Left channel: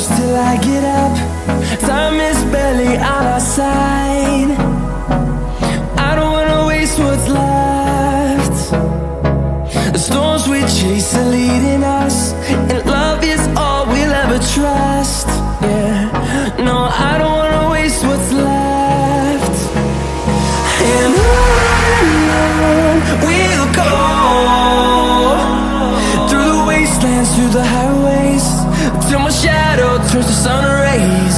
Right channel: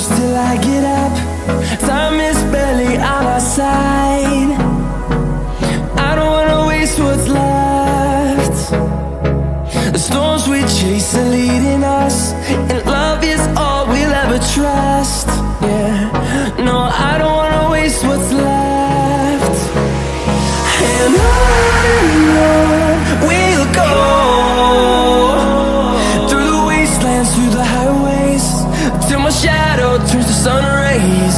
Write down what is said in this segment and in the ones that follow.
close till I get up. Time is barely on our side. I don't wanna waste what's left. The storms we chase are leading us, and love is all we'll ever trust. Yeah, no, I don't wanna waste what's left. And on we'll go, through the wastelands, through the highways, till my shadow turns to sun rays.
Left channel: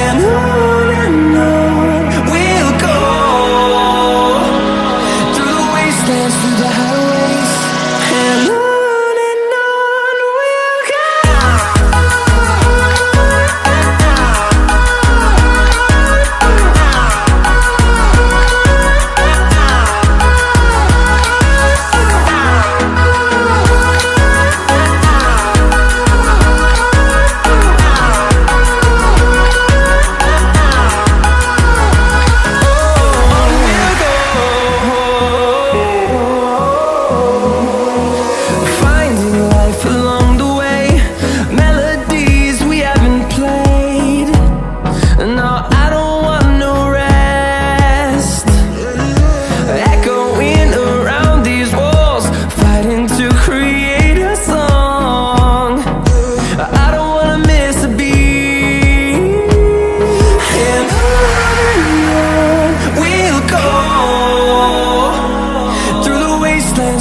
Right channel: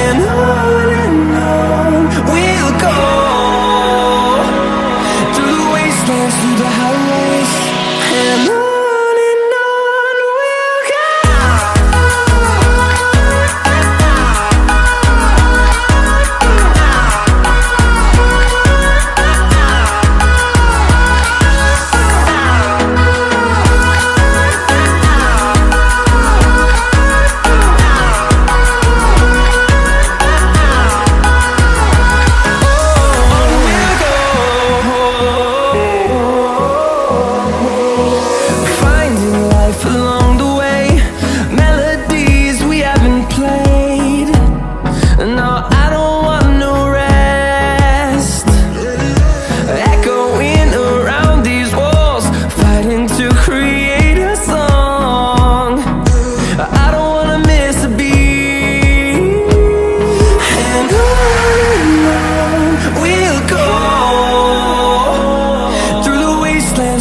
And on we'll go, through the wastelands, through the highways, and on we'll go.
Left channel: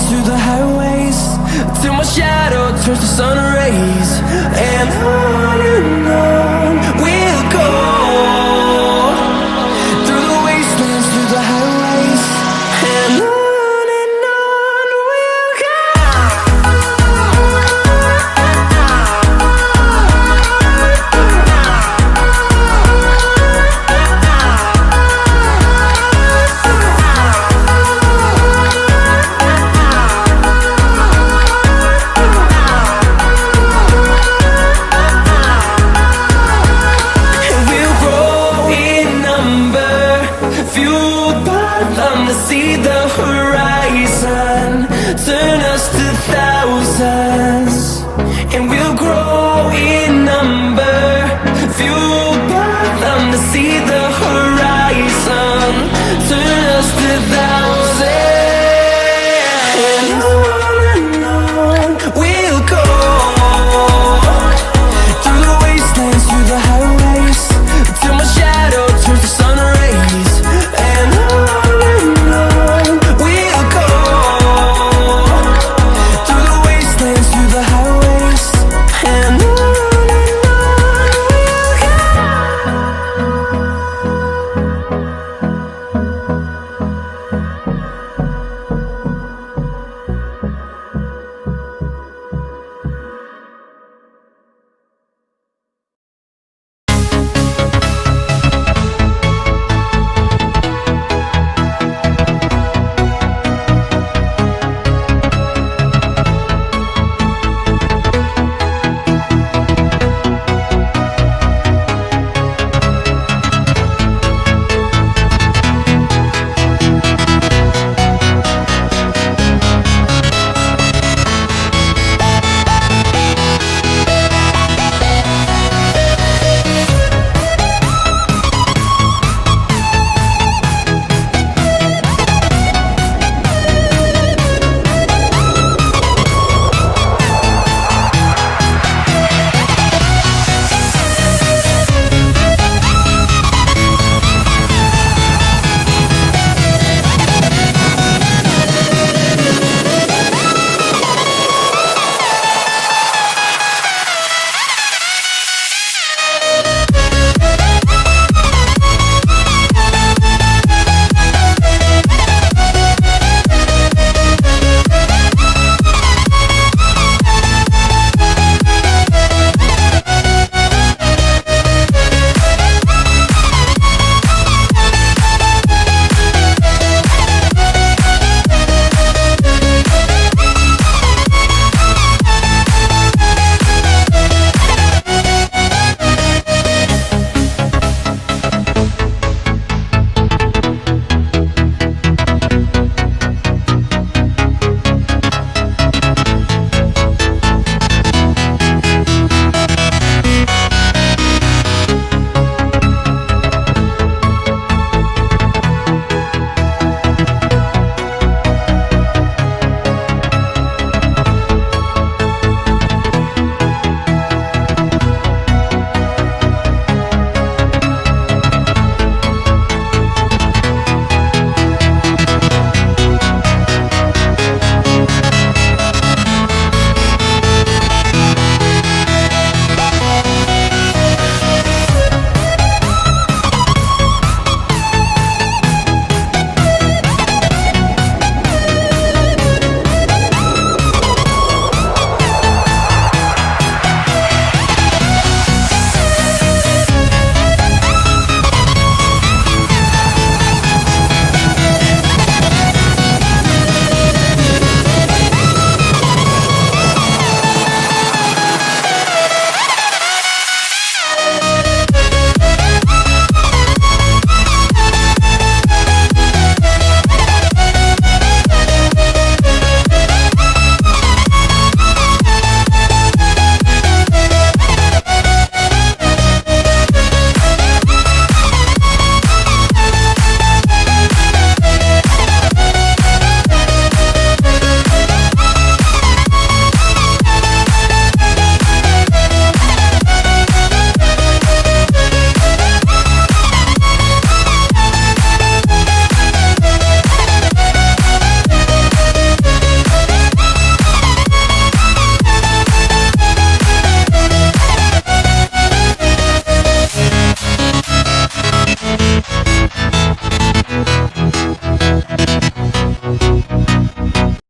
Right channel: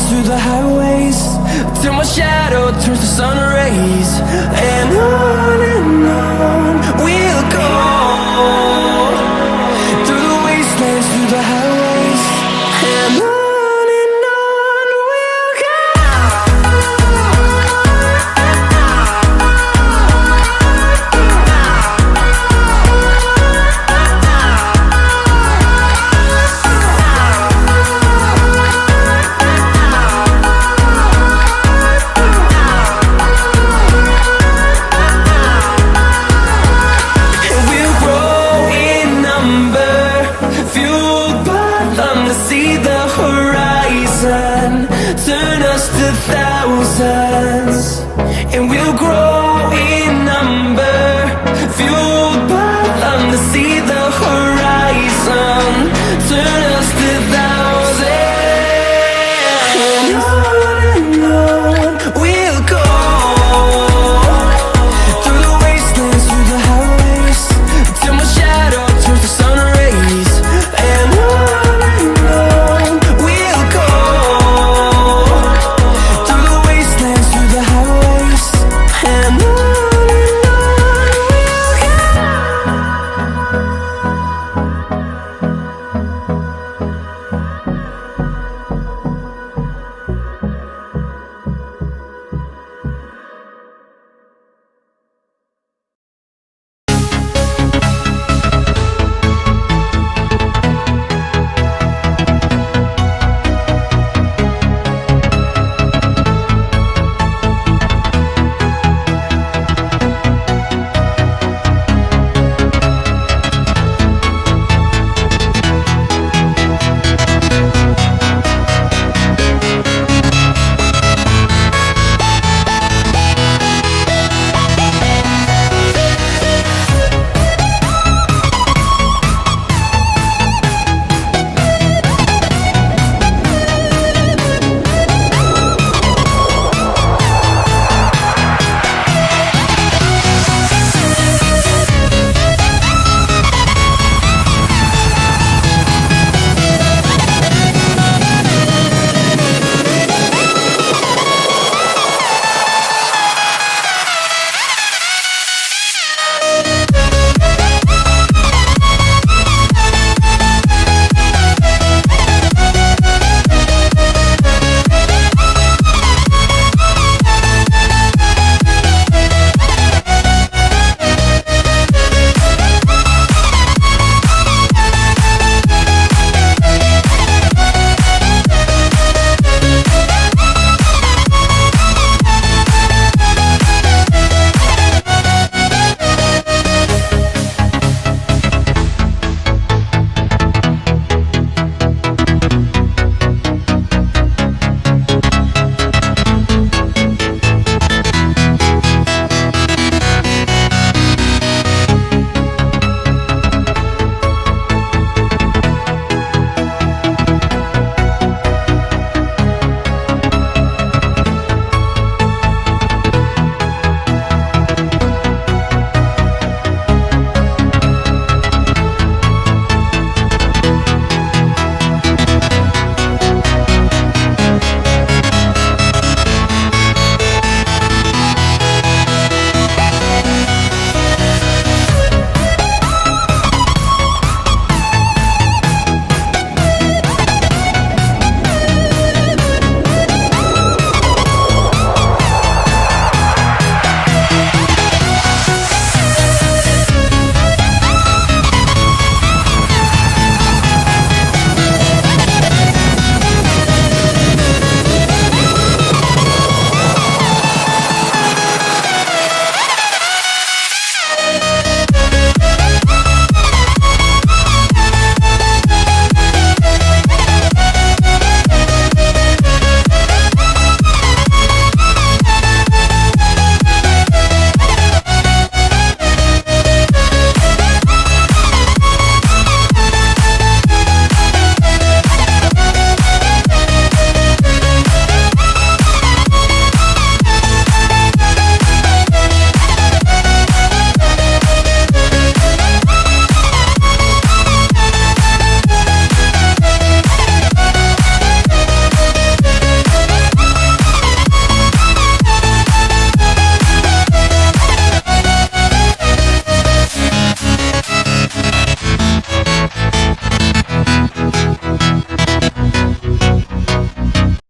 Through the highways, till my shadow turns to sun rays. And on we'll go, through the wastelands, through the highways, and on we'll go. Fueled by them to see the horizon.